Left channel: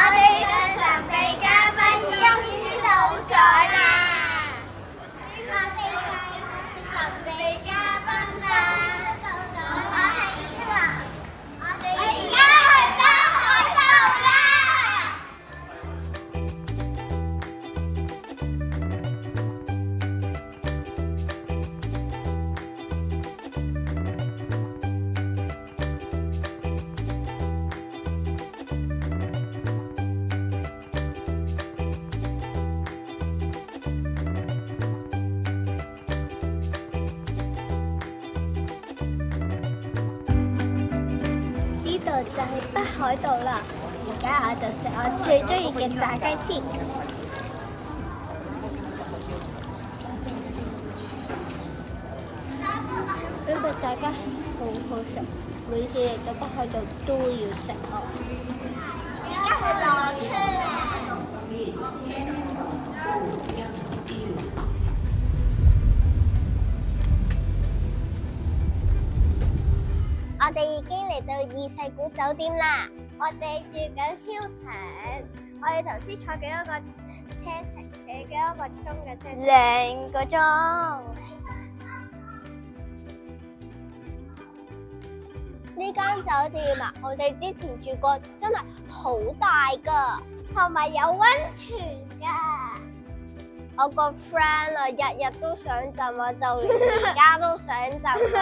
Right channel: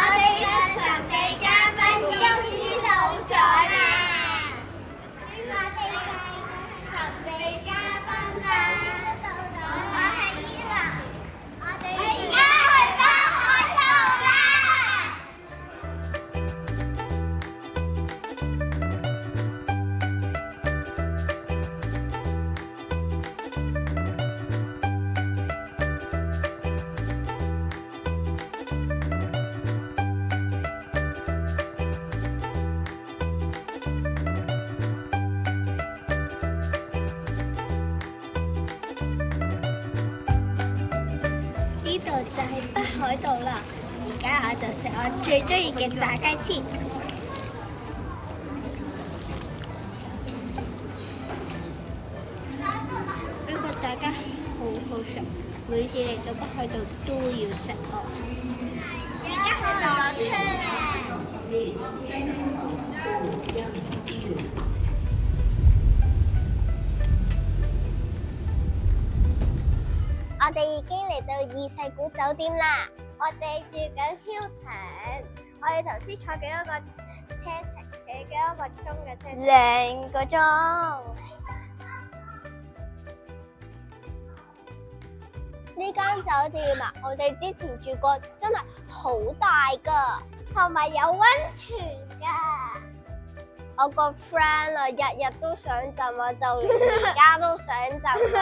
哋嘅神秘嘉賓終於到咗啦！我哋係神秘嘉賓啦！我係依華，我哋而家去北海道啦！就係北海道啦，而家我就食我最中意嘅炸雞先。呢個炸雞好好食，每次嚟到北海道都要食哦。而家去落車啦！我哋已經嚟到二世古酒店啦，我哋住緊 Hilton， 我哋頭先坐幾多個車程？幾多個鐘嘅車程？2個鐘。呢間酒店啊，我哋之前住過，真係好大噶，同埋有溫泉噶。我個 friend 啊，日日都想浸啊，就連而家都想浸啊。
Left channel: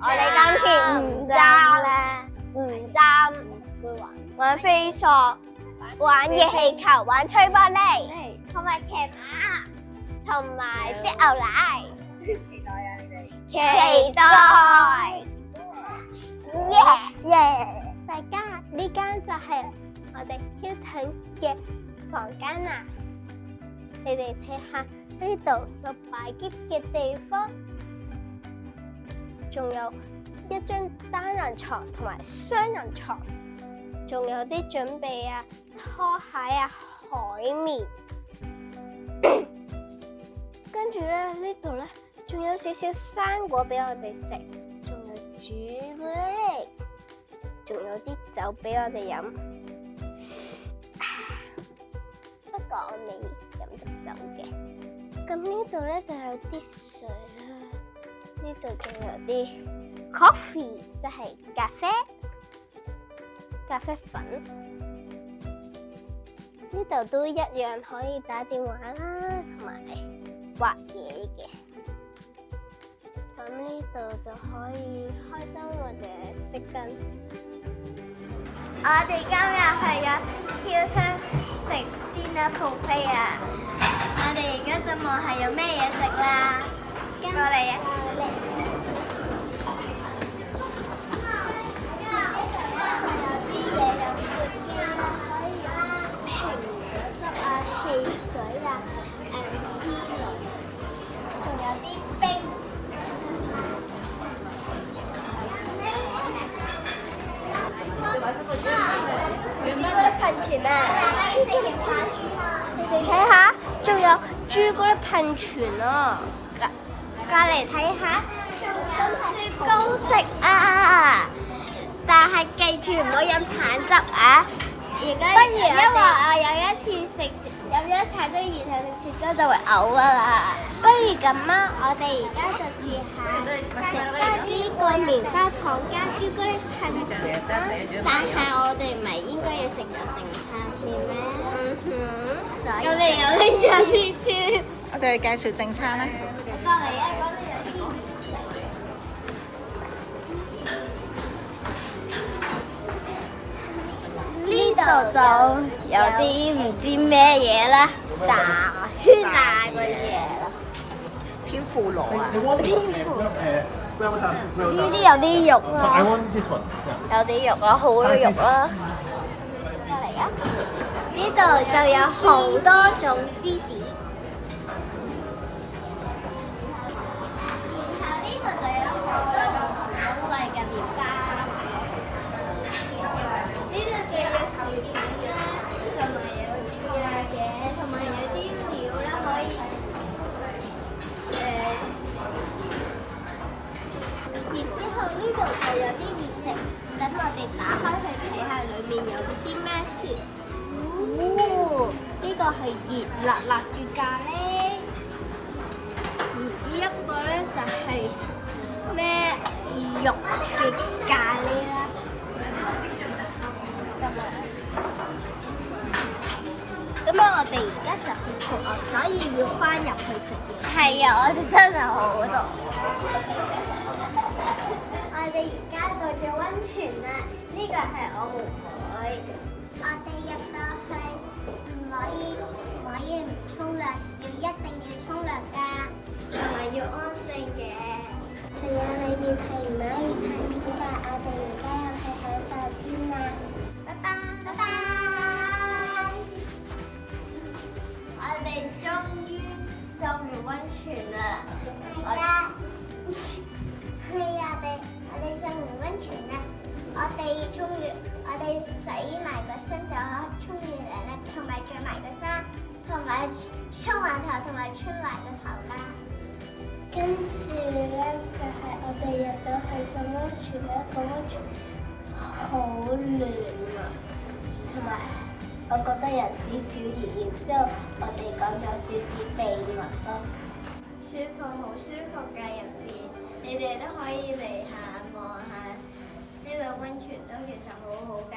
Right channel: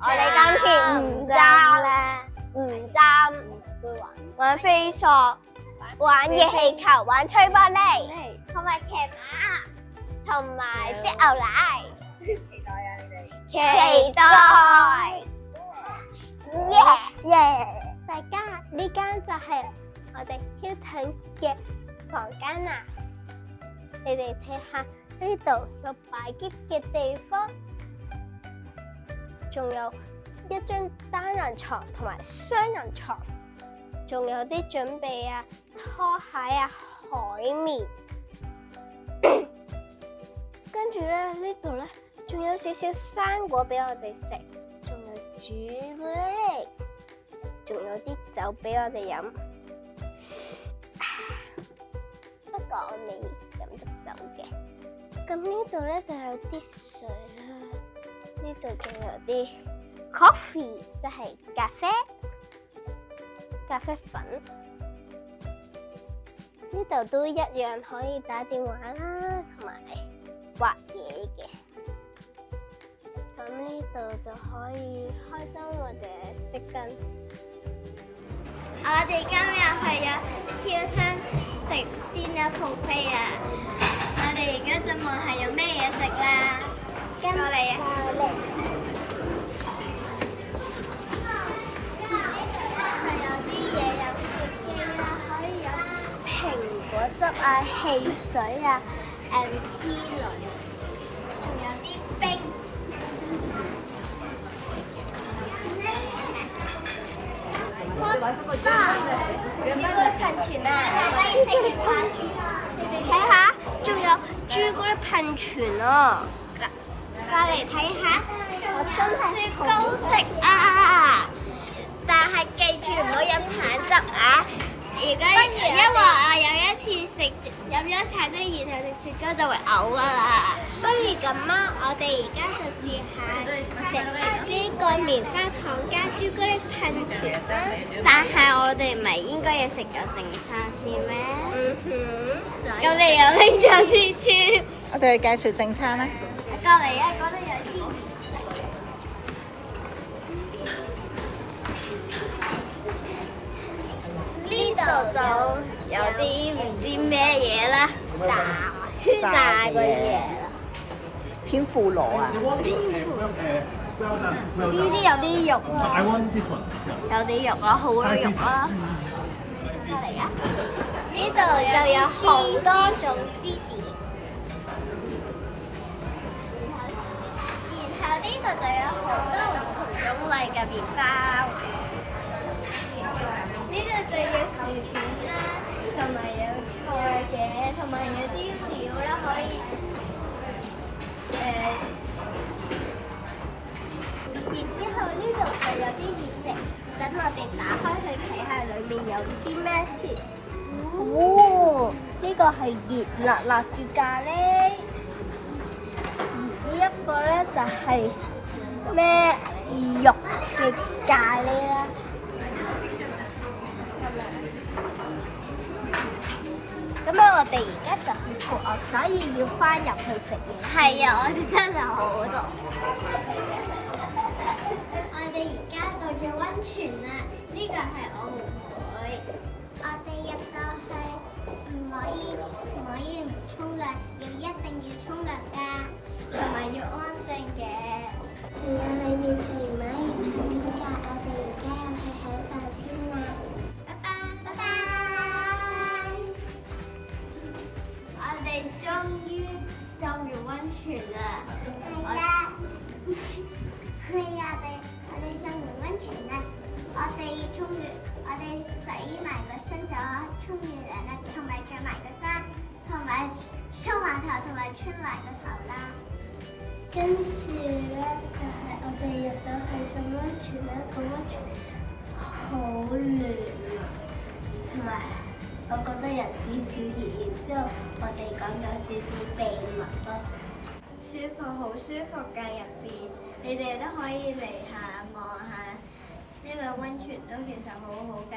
我哋今次唔浸啦，唔浸，玩飛索，玩熱氣球，玩吹玻璃，同埋騎馬，同埋啲牛奶。期待啊！你哋期待，耶！大家呢間就係我哋 Hilton 嘅房間啦。你哋睇下呢度有擺篋嘅地方。仲有一張單人床同埋雙人床，仲有啲準備啊拖鞋啊海綿，跟住咧呢度咧仲有少少生果俾我哋食，仲有朱古力，仲有啲酒俾我哋飲。不過我未飲得酒嘅。咁呢度咧就有啲水啦。呢度仲有啲 coffee， 即係咖啡粉。呢度都一樣可以打電話啦，同埋畫嘢嘅。咁呢度就可以開燈或者熄燈。我哋今日去咗Hilton食dinner buffet啊！我哋而家就望下有咩嘢食啦。跟我嚟啊！有啲嘢飲嘅啦，可以飲蘋果汁啊、汽水啊、之類，仲有啲冰。朱古力噴泉啊！你哋睇下，仲有朱古力噴泉啊！過嚟睇下，仲有雪糕食啊！但係記住唔好飲橙汁啊！因為我有一次飲咗橙汁，然後食雪糕就會嘔㗎啦。不如咁啊，我哋而家就試下食呢個棉花糖加朱古力噴泉啦。但係我哋唔係應該要食咗定沙先咩？咁你又拎咗啲先。我哋去介紹正餐啦。過嚟啊！嗰度有啲唔食嘅。呢度就有啲唔知咩嘢啦，炸個嘢啦。天婦羅啊！呢啲有啲肉啊，有啲肉啊，好多肉啦。係啊！呢度就有好多種芝士。呢度就有好多唔同種類嘅麵包，呢度就有薯片啦，同埋有菜嘅，同埋有啲料啦，可以然之後呢度就有啲熱食，等我哋打開去睇下裡面有啲啲咩先？哦，呢個係熱辣辣嘅咖喱，而呢一個咧就係咩肉嘅咖喱啦。咁樣我哋而家就好肚餓，所以要翻入去食嘢。係啊，我哋真係好肚餓。我哋而家到咗溫泉啦，呢個係我妹妹。我哋入到去唔可以唔沖涼，一定要沖涼㗎，同埋要安靜嘅。仲有裡面係唔可以睇片㗎，我哋而家入去享受先啦。拜拜，拜拜。我哋終於浸完溫泉啦。係啦。係啊，我哋浸完溫泉啦。我哋洗埋個身就沖完涼啦，同埋着埋個衫，同埋梳埋頭，同埋吹埋個頭啦。跟住咧就係我哋入到去浸溫泉咧，個溫泉好暖啊，同埋我覺得有少少熱，然之後我哋講咗少少秘密咯。舒服，好舒服㗎入邊，你哋都可以嚟下望下，呢個溫泉都其實好好㗎。